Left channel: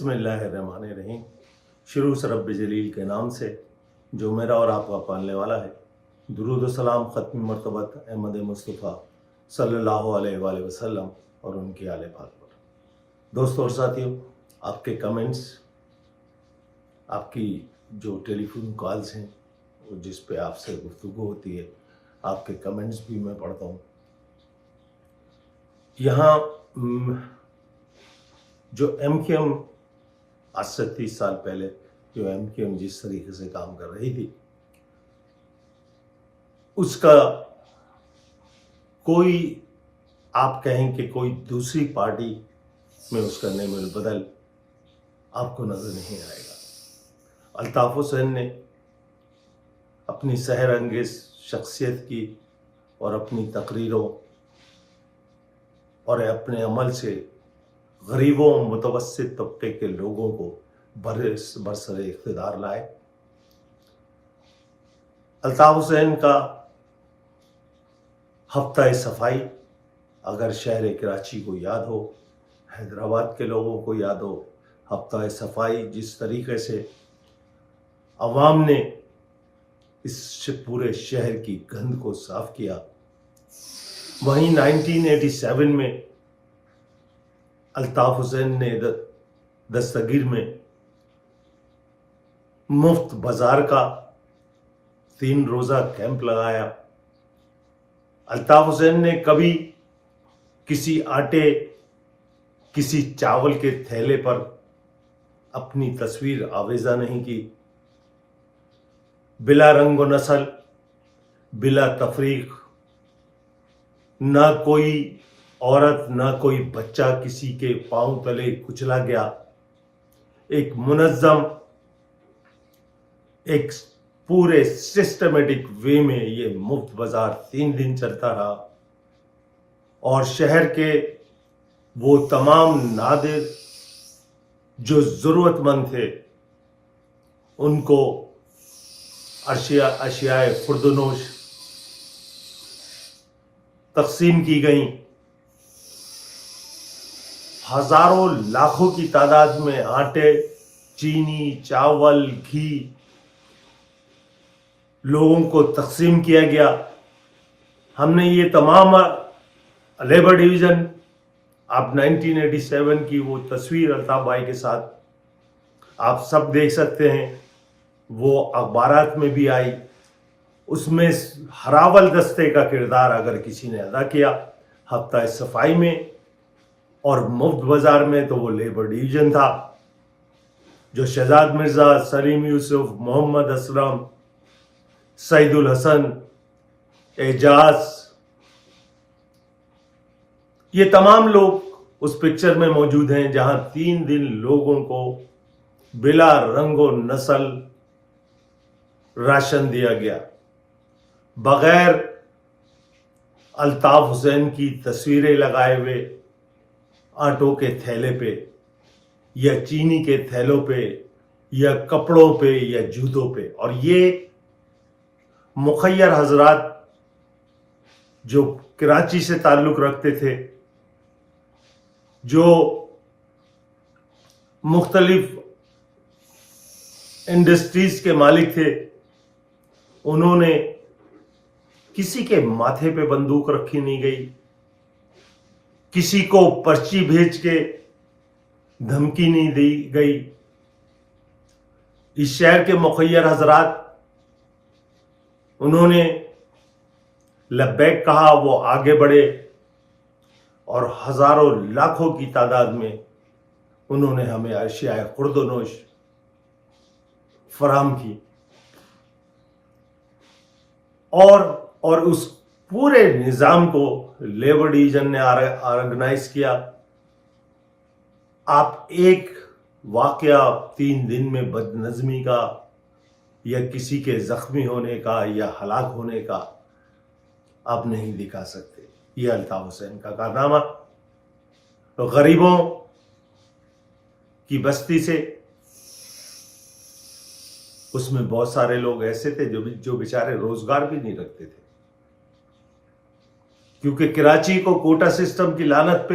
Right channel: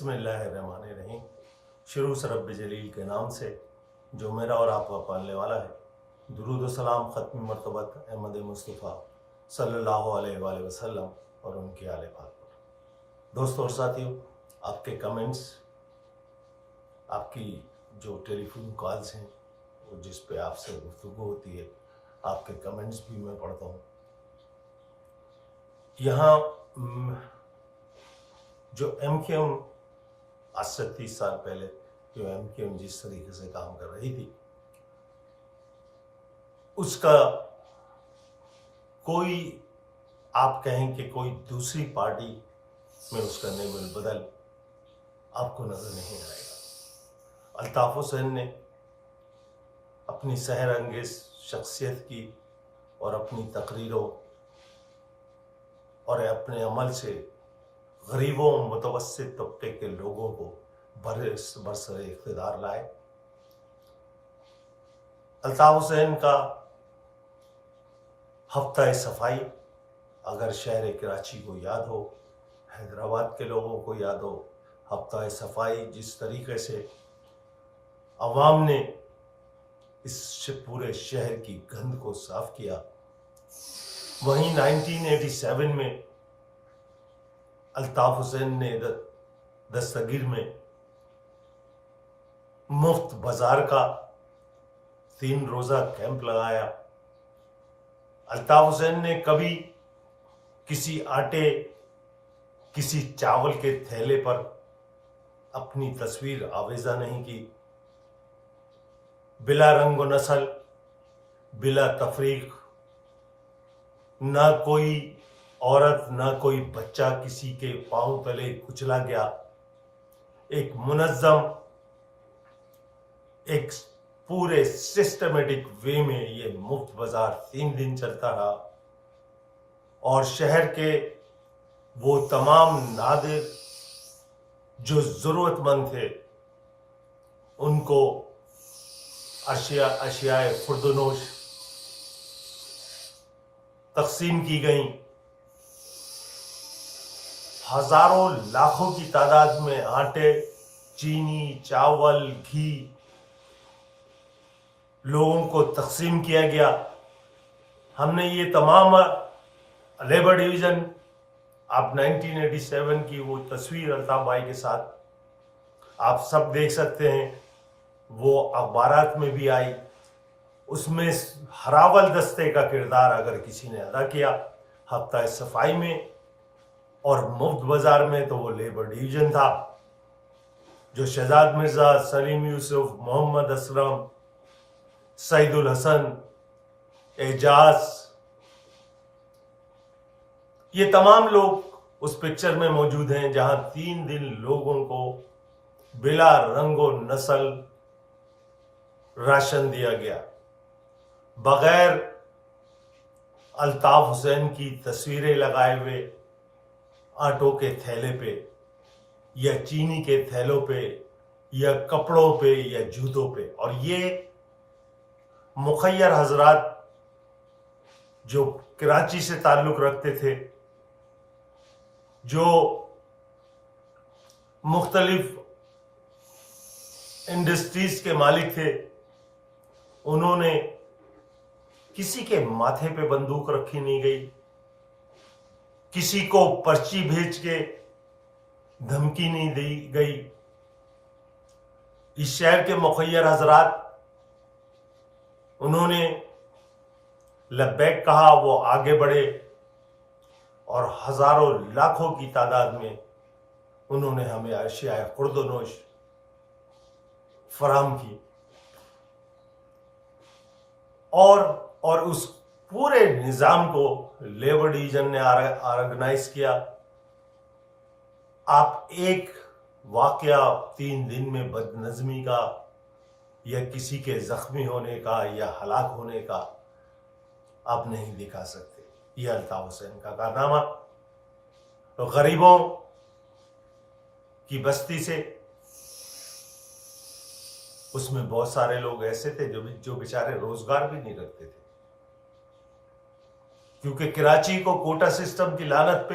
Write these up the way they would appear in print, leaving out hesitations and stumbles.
بسم اللہ الرحمن الرحیم. شروع سے رب جلیل کے نام سے جو میرا اور آپ کا پالنے والا ہے. درود و سلام ختم مرتبت احمد مصطفیٰ صلی اللہ علیہ وآلہ وسلم اور ان کے آل پاک پر. دوستوں اور ساتھیوں، آپ کے کمنٹس، آپ کی جو ٹیلی فون کالز ہیں جس پہ آپ سے گفتگو ہوتی ہے، آپ کے کمنٹس بھی میں پڑھتا ہوں. یہاں جو ایم کیو ایم آج سے 30 سال پہلے جو ایم کیو ایم جس طریقے سے کام کر رہی تھی، اس کا کوئی آپ کہیں کہ کوئی دوسری پارٹی میں اس کا نیم البدل آپ کو نظر نہیں آئے گا. الطاف حسین نے اپنی سحر انگیز شخصیت کی اور اپنی تقریروں اور اپنے عمل سے غریبوں متوسط طبقے کے لوگوں کو برسر اقتدار لائے. الطاف حسین کا ہفتہ صفائی اگر شہر کراچی کو یاد ہو، حیدرآباد کے لوگوں کو یاد ہو، ہفتہ صفائی جس طریقے سے عوام نے اس پورے شہر کی گند کو صاف کیا. وہیں 1987 میں الطاف حسین نے دستگیر میں مفت بازار کا 3 روزہ کیمپ لگایا. الطاف حسین نے کبھی کسی آٹے، کسی چاول کے تھیلے پر اپنی تصویر آویزہ نہیں کی. بلا رنگ و نسل، بلا تفریق، نہ کوئی عورت نہ کوئی بچہ کسی کے پاؤں تلے کچلا گیا. ایک منظم، ایک پورے سسٹمیٹک وے میں یہ مفت بازار 3 دن چلتا رہا اور شہر کے وہ تمام نادر جو ضرورت مند تھے ان کو اشیاء خوردنوش تقسیم کی گئیں. ہزاروں لاکھوں کی تعداد میں آٹے، چینی، چاول، گھی لوگوں کو تقسیم کیا گیا. ہم نے یہ تمام لیبر ڈویژن، آپ 1987 کی وہ تصویر الطاف بھائی کے ساتھ آپ سب دیکھ سکتے ہیں، وہ اخبارات میں بھی آئی. اس میں ہراول دستے کا کردار اگر کسی نے ادا کیا ہفتہ صفائی میں اور مفت بازار میں تو وہ لیبر ڈویژن تھا، جو شہزاد مرزا، سلیم یوسف، محمد اسلم، سعید الحسن، اعجاز، یہ تمام لوگ اس پکچر میں موجود ہیں جہاں 3 دن لوگوں کو بلا رنگ و نسل راشن دیا گیا. بغیر الطاف حسین کی تصویریں لگائے ہوئے آٹوں کے تھیلے پہ یا چینی کے تھیلوں پہ یا کپڑوں پہ یا جوتوں پہ. اور یہ مخیر حضرات جو کراچی سے تعلق رکھتے تھے، جو مختلف انڈسٹریز کے مالک تھے، انہوں نے کسی کے ماتھے پہ بندوق رکھی نہیں گئی، کسی کو پرچی بھیج کے دھمکی نہیں دی گئی. اس شہر کے مخیر حضرات، انہوں نے لبیک کہا، وہ آگے بڑھے اور ہزاروں لاکھوں کی تعداد میں انہوں نے ہمیں اشیاء خورد و نوش فراہم کی. اور اس پورے نظام کو لیبر ڈویژن نے آرگنائز کیا. آپ ایک واقعہ 3 دن میں بد نظمی کا یا کسی کے زخمی ہونے کا یا ہلاک ہونے کا آپ نہیں دکھا سکتے. یہ الطاف حسین کا کارنامہ غریبوں کی بستی سے، اس میں بہت سارے لوگ ایسے تھے جو بیچارے روزگار بھی نہیں رکھتے تھے، کیونکہ کراچی کو کوٹا سسٹم کی لعنت پہ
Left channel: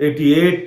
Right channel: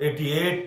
88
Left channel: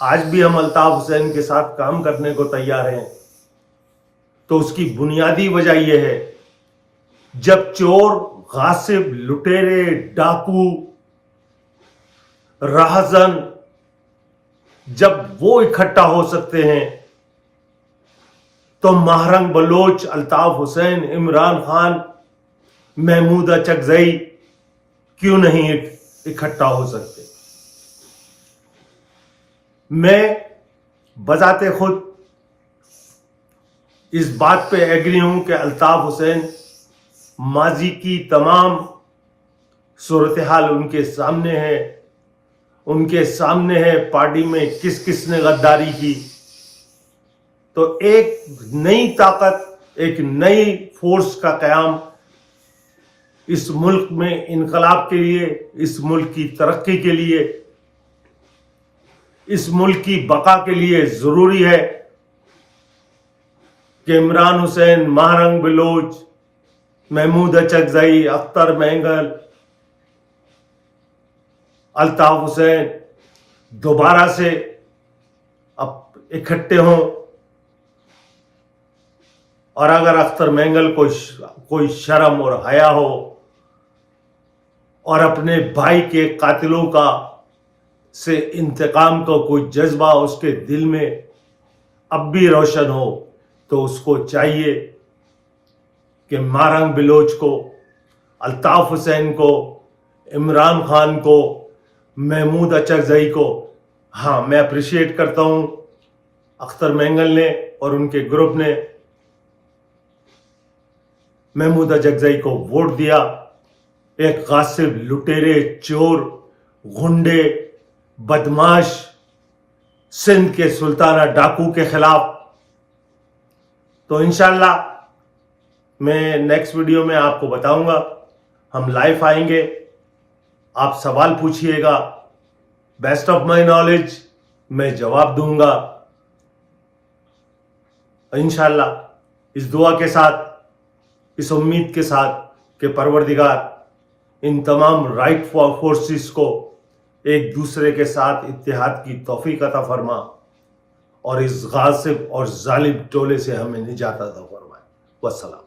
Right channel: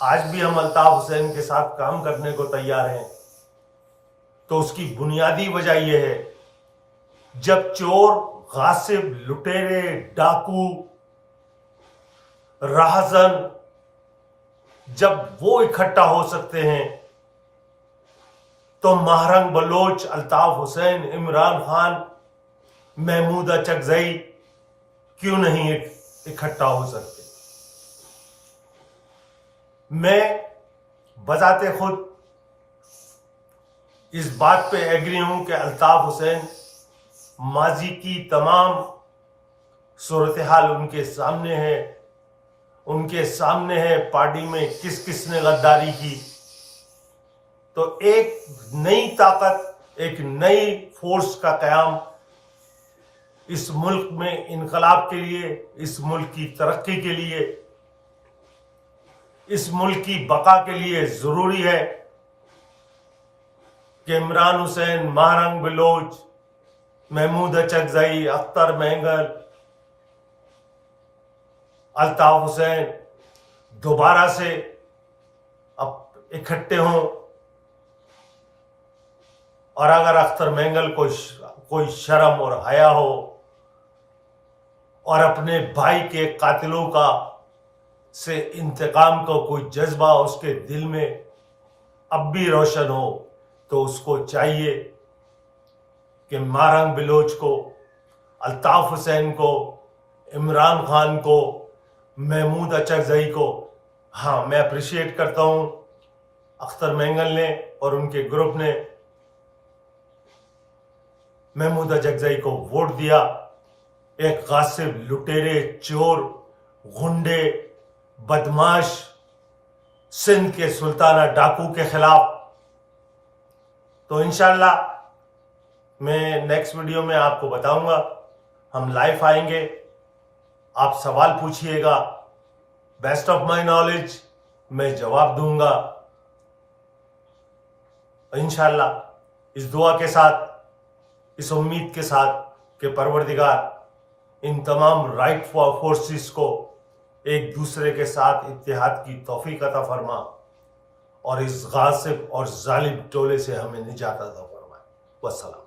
آج بھی ہم الطاف حسین کے ساتھ کام کرنے کو تیار ہیں، تو اس کی بنیادی وجہ یہ ہے، جب چور، غاصب، لٹیرے، ڈاکو، راہزن جب وہ اکٹھا ہو سکتے ہیں تو مہرنگ بلوچ، الطاف حسین، عمران خان، محمود اچکزئی کیوں نہیں اکٹھا ہو سکتے؟ میں بذات خود اس بات پہ ایگری ہوں کہ الطاف حسین ماضی کی تمام صورتحال ان کے سامنے ہے، ان کے سامنے ہے پارٹی میں کس کس نے غداری کی. تو ایک نئی طاقت، ایک نئی فورس کا قیام اس ملک میں انقلاب کے لیے، اس ملک کی ترقی کے لیے، اس ملک کی بقا کے لیے ضروری ہے کہ عمران حسین، مہرنگ بلوچ، محمود اچکزئی، اختر مینگل، الطاف حسین دوبارہ سے اب اکٹھے ہوں. اور اگر اختر مینگل کو کوئی شرم اور حیا ہو اور اپنے بھائی کے قاتلوں کا سے انتقام کا کوئی جذبہ اس کے دل میں اب بھی روشن ہو، تو اس کو چاہیے کہ مہرنگ بلوچ کو، الطاف حسین کو، عمران خان کو، محمود اچکزئی کو، ہاں میں اپریشیٹ کرتا ہوں اختر مینگل نے اور ان کے گروپ نے محمود اچکزئی کو ووٹ دیا ایک غاصب، لٹیرے، چور، غنڈے، بدماش، سندھ کے سلطانہ ڈاکو کے خلاف. تو انشاءاللہ میں نیکسٹ ویڈیو میں آپ کو بتاؤں گا، ہم لائیو آئیں گے، آپ سوال پوچھئے گا، بیسٹ آف مائی نالج میں جواب دوں گا انشاءاللہ، اس دعا کے ساتھ، اس امید کے ساتھ کہ پروردگار ان تمام رائٹ فورسز کو ایک دوسرے کے ساتھ اتحاد کی توفیق عطا فرما اور اس غاصب اور ظالم ٹولے سے ہمیں نجات عطا فرمائے. والسلام.